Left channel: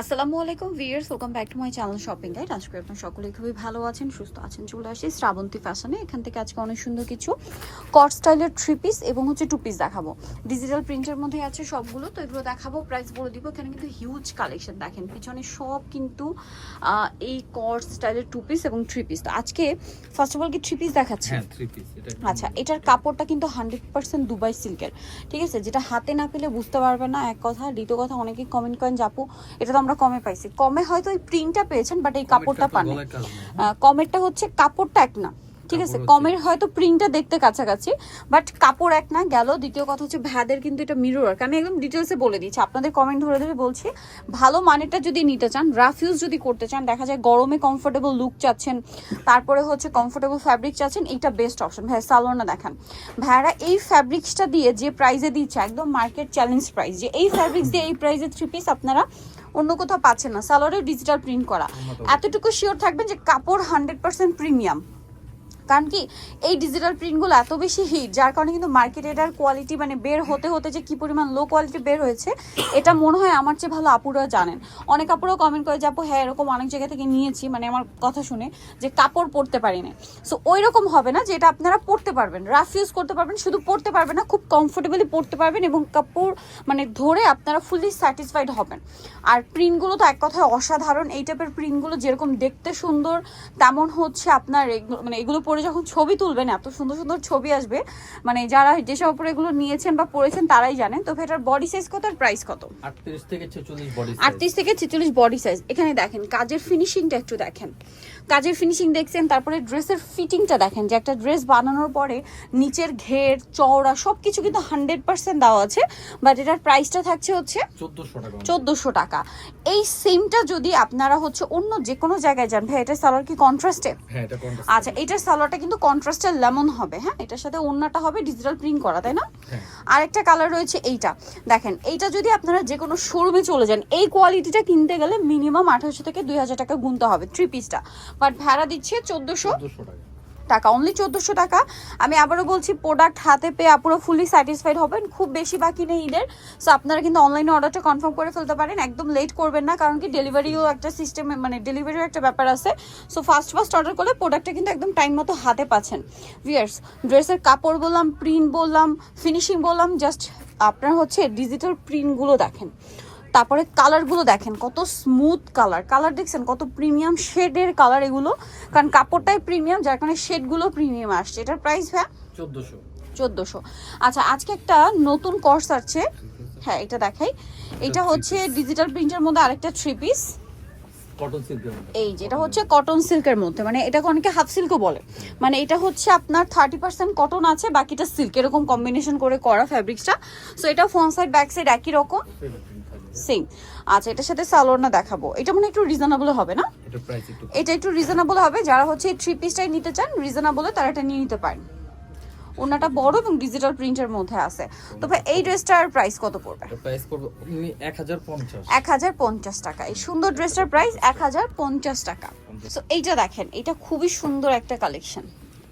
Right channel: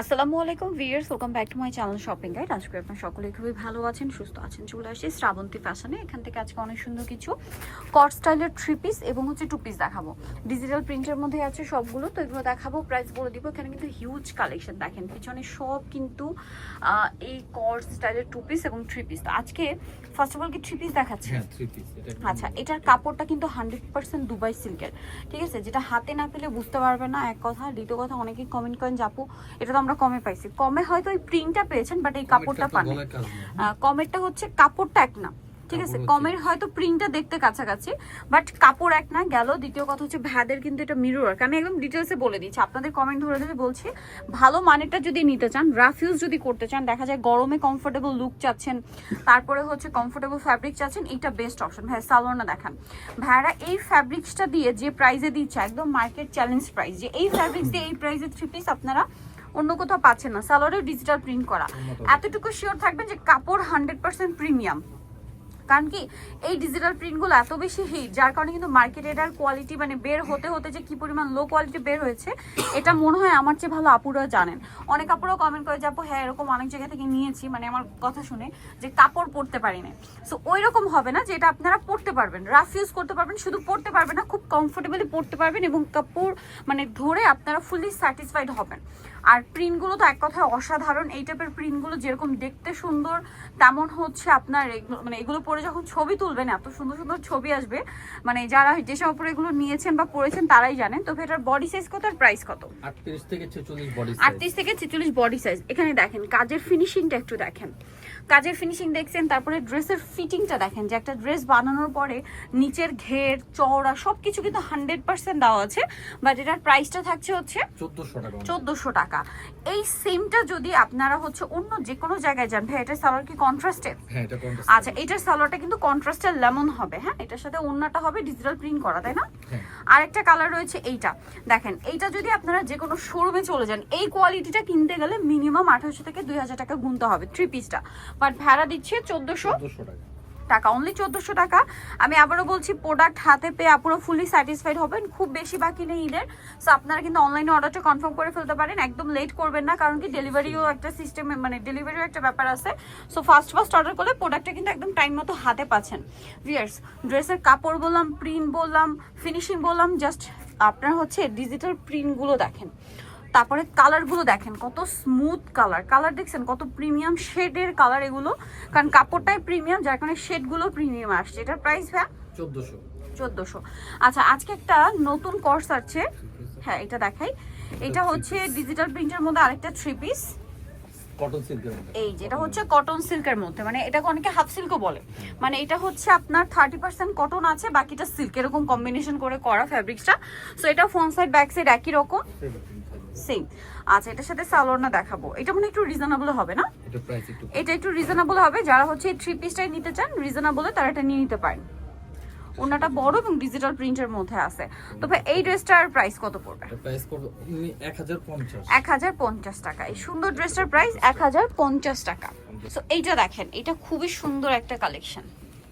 আসসালামু আলাইকুম viewers, welcome back to my channel shopping guide. আজকে আপনারা সকলেই খুবই ভালো আছেন, সুস্থ আছেন। চলে আসি শ্রাবন্তী ফ্যাশনে। এখান থেকে আজকে অনেক সুন্দর কিছু কট স্টাইলের 3 পিস এবং 2 পিস দেখাবো। ডিজিটাল প্রিন্টের মধ্যে আছে সবগুলো, তো এগুলো দেখাবো, প্রাইস বলে দিব। এখানে কিন্তু হিউজ কালেকশন দেখেন, পিছনে সব কিন্তু এই কট স্টাইলের 2 পিস এবং 3 পিস। তো আজকে ফার্স্ট অফ অল কি 3 পিস দেখাচ্ছি? হ্যাঁ 3 পিস। আচ্ছা, এটার কাপড়টা কিন্তু 100% দুবাই সিল্কের, ঠিক আছে? যেটা হাতে না পেলে বুঝতে পারবে না, এক কথা। দ্বিতীয় কথা, অনেকেই কমেন্ট করেন যাপু এটা তো আমরা কমে পাইছি। কমে হয়তো এই প্রিন্টটা পেয়েছেন, বাট এই কাপড়টা পান। কমেরটা হচ্ছে কাপড়টা এক না, ঠিক আছে? কমের হয়তো প্রিন্টটা দেখতে কাছাকাছি, বাট কাপড় এক না গেল। দ্বিতীয় কথা হচ্ছে ভ্যাদের কিন্তু এটা মিরর ওয়ার্ক। আমি একদম ডিটেলসে বলে দিচ্ছি, আপনাদের কমেন্ট ধরে ধরে বলছি। ভালো মানেরটা যদি নিতে চান, রাফ ইউজ যদি করতে চান, দেখা যায় গরমে কমফোর্টেবল লুক চাচ্ছেন, তারপরে হচ্ছে কমফোর্টেবল ফ্যাব্রিক চাচ্ছেন, এইটা বেস্ট অপশন। ভাই সালোয়ারটা দেখান। ভাইরা এই ফ্যাব্রিক্সটা দিয়ে যে প্রাইসে দিচ্ছে, একদম মার্কেট চ্যালেঞ্জ প্রাইস, যে এই ফ্যাব্রিক্স দিয়ে এই প্রাইসে 3 পিস আপনারা অন্য কোথাও পাচ্ছেন না। সালোয়ারে ডিজিটাল প্রিন্ট করা, এতটুকু শিওর থাকবেন যে কাপড় 100% প্রিমিয়াম। কারণ কি, এই ডিজিটাল প্রিন্টগুলো এত বেশি হিট, যার কারণে কিন্তু মার্কেটে এটার কোয়ালিটি মানে বের হতে হতে যে কি পরিমাণ লো কোয়ালিটি বের হয়েছে, এটা মনে হয় আমার চেয়ে ভালো আপুরা জানেন। অনেক আপুরাও কমেন্ট করে যাবো, হ্যাঁ এরকম অনেক জায়গা থেকে নিয়েছি, মানে আমার কথা শুনে, যে কাপড় পরতে পারি না। সো ওই রকম হবে না, যে এটা আপনারা পরতে পারবেন, রাফ ইউজ করতে পারবেন, শুধু পরতে পারবেন না, খুব কমফোর্টেবলি পরতে পারবেন, এবং কাপড় মানে ধরে আপনারা ফুললি স্যাটিসফাইড হবেন। আর প্রিন্টগুলো তো এক কথায় অসাধারণ। এই টাইপের প্রিন্টগুলো যেরকম দেখতে সুন্দর, তেমন হচ্ছে আপনার মানে এগুলো পরে যখন ছবি তুলবেন, এত সুন্দর সুন্দর ছবি আসবে। মানে যারা যেসব উপরে এগুলো নিয়েছেন বা পরেছেন তারাই জানেন। তো এটার বডি সাইজ কত আর প্রাইস কত? 38 থেকে 46 বডি সাইজ। 38 থেকে 46 বডি সাইজ। এখানে দেখেন কাজের ফিনিশিংটা একটু দেখেন, কাজের ফিনিশিং দেখছেন। তারপরে ড্রেসের ফিটিংটা দেখেন, যে একটা ড্রেস বানানোর পরে নিচের ঘের চওড়া সবকিছু কিন্তু 100% দেওয়া আছে। বাট এটার প্রাইসটা থাকছে হচ্ছে 1400 টাকা। 1400 টাকা। এই সেমটা যদি আপনারা হচ্ছে অন্য যে কোনো জায়গায় যান, ভাই এটার সালোয়ার কি কন্ট্রাস্টে? হ্যাঁ এটা কন্ট্রাস্ট। আচ্ছা, এটার সালোয়ারটা কিন্তু কন্ট্রাস্টের লেমন হবে। হ্যাঁ, এটার সাথে ওড়নাটা হবে ডিজিটাল প্রিন্ট করা, তাই না? আরেকটা কালার রয়েছে এইটা, দেখেন। এইটা যদি আপনারা যে কোনো শোরুমে চলে যান, এই কোয়ালিটিটা কিনতে গেলে মিনিমাম 2800 থেকে 2000 টাকা গুনতে হবে 3 পিসটা। বাট ভাড়া দিচ্ছে 1400 টাকা, অনলি 1400 টাকা। আমি আবারও বলছি, প্রোডাক্ট হাতে পেয়ে আপুরো ফুলি স্যাটিসফাইড হবেন। খুব বেশি বাকি নেই ঈদের, সো আপনারা কিন্তু অনলাইনে অর্ডারটা কনফার্ম করে ফেলতে পারেন। একদম লেট করবেন না, কারণ কি ডেলিভারিও একটা সিস্টেম, মানে ডেলিভারিও একটা ব্যাপার আছে। সো ফার্স্ট অর্ডার করলে প্রোডাক্টটা কিন্তু একদম টাইম মতো হাতে পাচ্ছেন। ভিউয়ার্স, ড্রেসের কাপড় বললাম, প্রিন্ট বললাম, ফিনিশিং বললাম, জাস্ট আপনার হচ্ছে ডিজিটাল প্রিন্টগুলো দেখেন। তারপরে কালারগুলো দেখেন, কত স্মুথ কালার। কালার দেখছেন কত প্রিমিয়াম শেডের কালার এগুলো, কারণ কাপড়টাই প্রিমিয়াম, যার কারণে শেডগুলো প্রিমিয়াম আসছে। এটার প্রাইস ভাই 1400। আচ্ছা, আজকে একটা নতুন কোর্স আছে, হ্যাঁ এটা দেখাই। এটা হচ্ছে ডিজিটাল প্রিন্টের মধ্যে আরেকটা 3 পিস কটন সিল্কের মধ্যে। এই যেটা হচ্ছে কটন সিল্কের মধ্যে, মানে এটাকে অনেকে হাফ সিল্কও বলে। মানে এটা হচ্ছে আপনার 30% কটন আছে, বাকিটা সিল্ক, এরকম কম্বিনেশন করে করা ফ্যাব্রিক্সটা। সো এটা ফ্রন্ট সাইড ব্যাক সাইড একই রকম সেম। আচ্ছা, এটার সাথে সালোয়ারটা দেখাবো। এটা মানে একটু রিজনেবল হবে না? এটা একটু রিজনেবল হবে। যারা হচ্ছে 3 পিসটাই নিতে চান রিজনেবলে, তারা এটা নিয়ে নিতে পারেন। ওনাটা বড় এবং ডিজিটাল প্রিন্টের মধ্যে আছে। তো ভাই এই ড্রেসটার প্রাইস কত পড়বে? এটা প্রাইস পড়বে 1050। 1050 টাকা। এই সুন্দর ড্রেসটার প্রাইস 1050 টাকা। সো এইটা দেখেন, এটা খুবই সুন্দর একটা কালেকশন।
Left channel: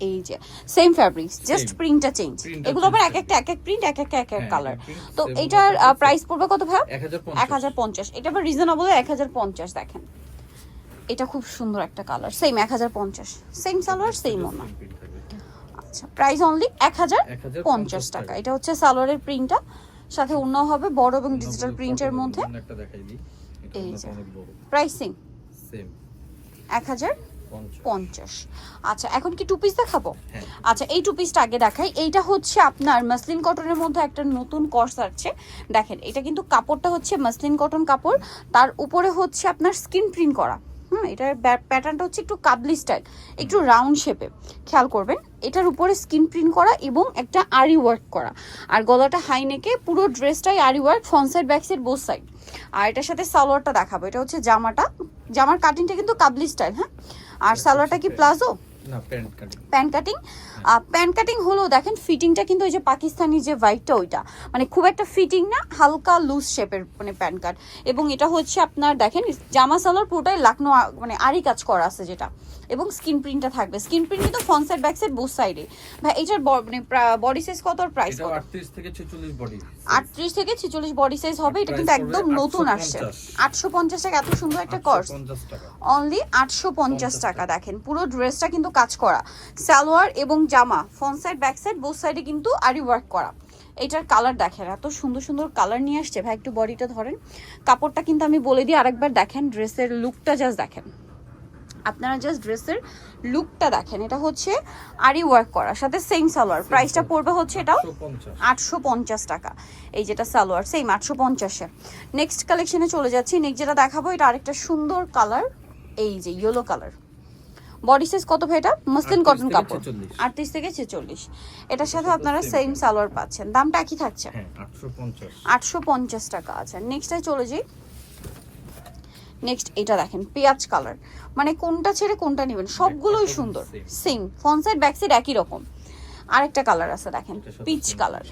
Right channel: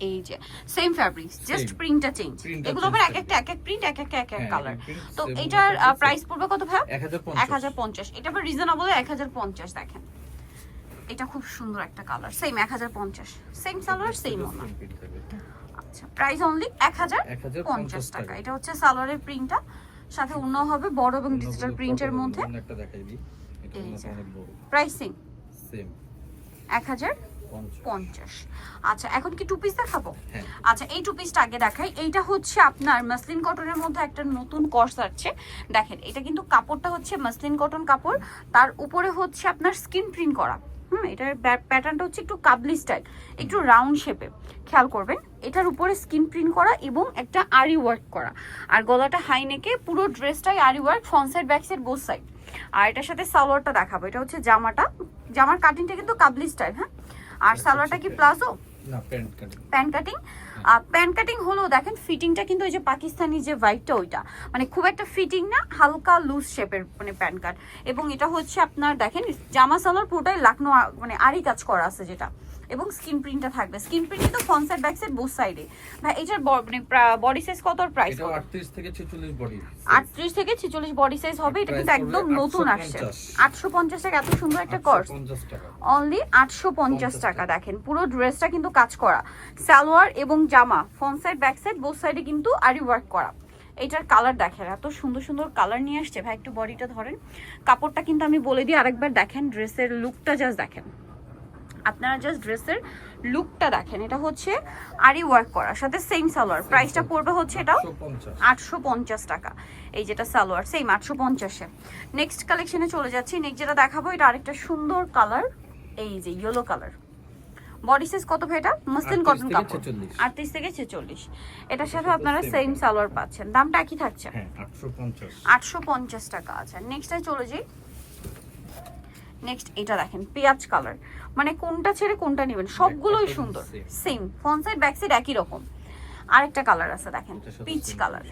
এই যে সেম ফ্যাব্রিক্স, জাস্ট প্রিন্টটা চেঞ্জ। এগুলো আবার এক একটা এক এক প্রিন্ট, এক এক কালার। তো এটার প্রাইস পড়বে কত ভাই? 1050। এটা আবার রিজনেবল 1050। দেখেন এটা খুব সুন্দর একটা colour, same 1050, same salwar same ওনা। আচ্ছা, প্রাইস অনলি 1050 টাকা। এটা হচ্ছে সালোয়ারের প্রিন্টটা, সাথে ওনাও হবে বড় এবং ডিজিটাল প্রিন্টের মধ্যে। একটা দেখাই দিই, এটা অনেক বড়। Price same 1050। আচ্ছা, এখন কি 2 পিস দেখাবো? আচ্ছা, এই 2 পিসটা আগে দেখাই। এইটা হচ্ছে আপনার মাসলিন কটনের মধ্যে একটা নতুন কোর্স আসছে। দেখেন, এটা কিন্তু কাপড়টা হচ্ছে মাসলিন কটন কাপড়, তার উপরে হচ্ছে আপনার স্কিন প্রিন্ট করা। এটার প্যাটার্নটা হচ্ছে একটু কাবলি স্টাইল, একটু রাউন্ড শেপে। খেয়াল করবেন, এটার উপরে স্কিন প্রিন্ট করা এবং একটা আরি ওয়ার্ক করা। আর গলাটা হাই নেকে, পুরো ড্রেসটাই aari work, front side back side both side. আর এটার সাথে সালোয়ারটা দেখাবো। এটা হচ্ছে জামাটা, জামার কাটিংটা কিন্তু কাবলি স্টাইল। হ্যাঁ, আর সালোয়ারটা কি প্লাজো? না প্যান্ট কাটিং। প্যান্ট কাটিং হলো দেখেন ফিটিংটা কিন্তু ওই যে পাকিস্তানি যে হোয়াইটটা ওইটা মানে খুব একটা ফিটিং না, হালকা লুজ শেপের মানে প্যান্ট কাট। এবং এটা হচ্ছে আপনার দেখেন জামা সালোয়ার পুরোটাই লাকনো মানে আরি কাজ করা আছে যেটা, এবং স্কিন প্রিন্টটা থাকবে। স্কিন প্রিন্ট কিন্তু front side back side both সাইডে। ভাই এটার মানে বডি সাইজ কত আর প্রাইস এটা কত? 38 থেকে 46 বডি। 38 থেকে 46 বডি সাইজ হবে। এটা কিন্তু একদম নতুন আসছে। 850 টাকা, এত সুন্দর একটা কর্স। 850 টাকা। অনলি 850 টাকা। দেখেন পুরো ড্রেসটা কিন্তু কাজ করা, সালোয়ার এবং জামা front side back side both সাইডে কিন্তু আরি ওয়ার্ক করা। এটার কালার দেখেন, এত সুন্দর সুন্দর কালার নিয়ে আসছে। ভাই একটু বডিটা ধরেন, কাপড়টা কিন্তু আমি বলে দিই আরেকবার, দেখেন ড্রেসের লুকটা জাস্ট দেখেন, আপনারা জাস্ট ড্রেসের লুকটা দেখেন। এটা হচ্ছে আরি ওয়ার্ক করা, সাথে সেম সালোয়ার। প্রাইসটা পড়বে হচ্ছে এটাও 850 টাকা। এই যেটা সালোয়ার সেম 850-এ। নেক্সট কালেকশনে চলে যাচ্ছি। নেক্সট যেটা দেখাবো এটা আরেকটা সুন্দর কালার, এই যে ইয়েলো কালার। বডি সাইজ কত ভাই এটা? মসলিন কটন কাপড়, 38 থেকে 46। এটার সাথে আপনারা সেম সালোয়ার পাচ্ছেন। দামটা কি থাকছে? হ্যাঁ 850। 850 টাকা। আচ্ছা নেক্সটে চলে যাই। নেক্সট এটা দেখেন পেঁয়াজ কালার, মানে কোনটা ছেড়ে কোনটা নেবেন, সবগুলোই সুন্দর। Same front side back side একই রকম। আরেকটা কালার আছে দেখেন পিচ কালার,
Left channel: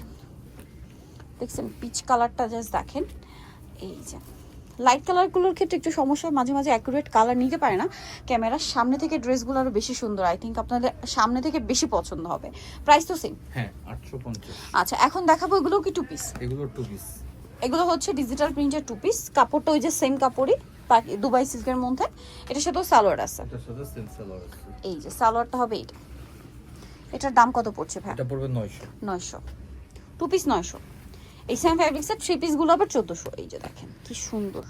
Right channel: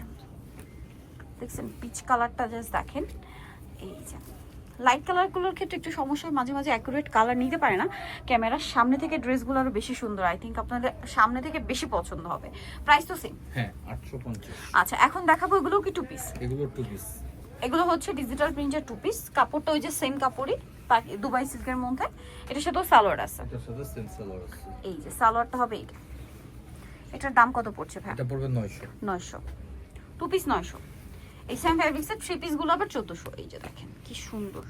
দেখছেন পিচ কালারটা জাস্ট দেখেন। এই যে লাইট কালারগুলোর ক্ষেত্রে একটু সমস্যা, মাঝে মাঝে অ্যাকুরেট কালার নিতে পারে না। ক্যামেরার সামনে থেকে ড্রেসগুলো আরো বেশি সুন্দর, আই থিঙ্ক আপনাদের সামনে থেকে বেশি পছন্দ হবে। প্রাইস তো সেম। হ্যাঁ 850। আচ্ছা এখন দেখাবো এগুলো কি টু পিস। এগুলো টু পিস। এগুলো হচ্ছে ডিজিটাল প্রিন্টের টু পিস। কাপড়টা ওই যে সেম কাপড়ই, দুবাই সিল্কের মধ্যে। এটার সাথেও সালোয়ার আছে। এটার সাথে সেম সালোয়ার আছে। এই যে সালোয়ারটা হবে এটা। এটার দাম কত পড়ছে ভাই? এটা পড়বে 900। 900 টু পিস 900। এই সেম ফ্যাব্রিক্সের থ্রি পিস গুলো আবার 1400। এই যে দেখেন কি সুন্দর,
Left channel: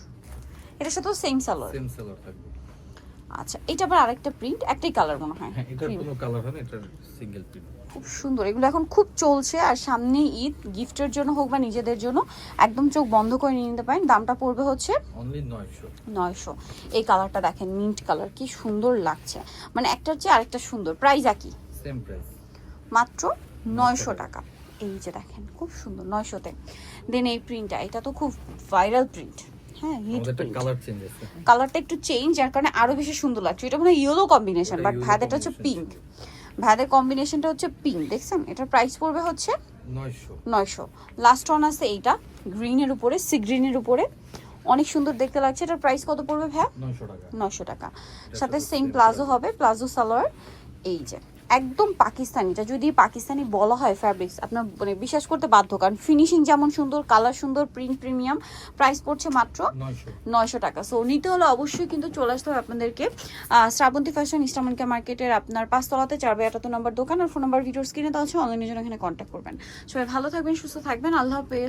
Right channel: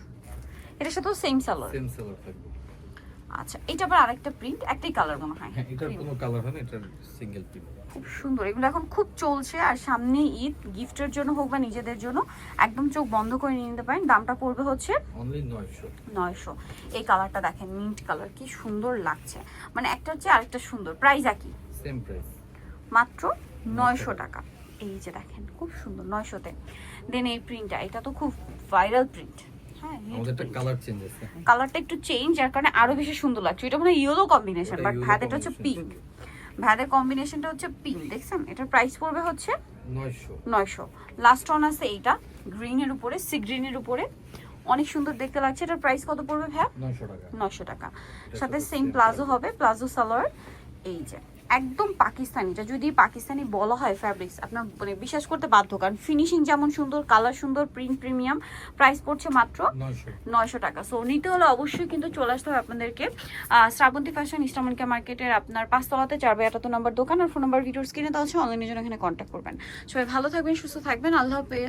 এটার সাথেও সেম সালোয়ার। সেম সালোয়ার থাকবে। আচ্ছা এটা আবার আরেকটা প্রিন্ট, একটাই কালার মনে হয়। হ্যাঁ এটার কোনো কালার হয় না, এটার সিঙ্গেল প্রিন্ট। খুব সুন্দর, এগুলো এখন খুব চলছে। আর সামনে ঈদ, গিফটের জন্য হোক বা নিজেদের জন্য একদম চোখ বন্ধ করে নিয়ে নিতে পারেন। দামটা পড়বে হচ্ছে অনলি 900। 900। এই কালারটা দেখেন মিন্ট কালার, কি সুন্দর লাগছে, মানে একটা হচ্ছে আরেকটা সুন্দর। প্রাইস একই, সেম প্রাইস, মাত্র 900 টাকা। এই যে দেখেন খুব সুন্দর 900-তে। দেন এই প্রিন্টটা, এটা তো খুব ভাইরাল প্রিন্ট। হ্যাঁ আমাদের একটা কালার চেঞ্জ আছে। কালারটা একটু চেঞ্জ, যার কারণে আরো বেশি সুন্দর লাগছে। এটা মানে ইয়েলো কম্বিনেশন, বাট ভাইদের হচ্ছে পিঙ্ক। ভাইদের কম্বিনেশনটা হচ্ছে পিঙ্ক, দেখছেন? এটার প্রাইস পড়বে হচ্ছে 900। লাস্ট ওয়ান আছে এইটা গ্রিনের উপরে, সি গ্রিনের উপরে, অনেক সুন্দর দেখতে লাগছে। এটার প্রাইস কত পড়বে ভাই? 900 টাকা। 900 টাকা। সাথে সেম প্লাজো হবে, প্লাজো সালোয়ার। এই যে একদম পাকিস্তানি, এটা যদি পাকিস্তানি বলা হয় ফ্যাব্রিক্স আপনার মানে বিশ্বাস করতে বাধ্য, কারণ ফিনিশিং যেমন সুন্দর, কালার সুন্দর, প্রিন্ট প্রিমিয়াম। প্রাইস পড়ছে মাত্র 900 টাকা। সো নিতে হলে অবশ্যই কিন্তু চলে আসতে হবে আপনাদেরকে শ্রাবন্তী ফ্যাশন, ইস্টার্ন মার্কেটের আপনার 5 তলাতে 4/78 নম্বর দোকান। আর ফোন নাম্বার ভিডিওর স্ক্রিনে দেওয়া আছে, অনলাইনের জন্য এখানে কন্ট্যাক্ট করবেন। সবাই ভালো থাকবেন, সুস্থ থাকবেন, আল্লাহ হাফেজ।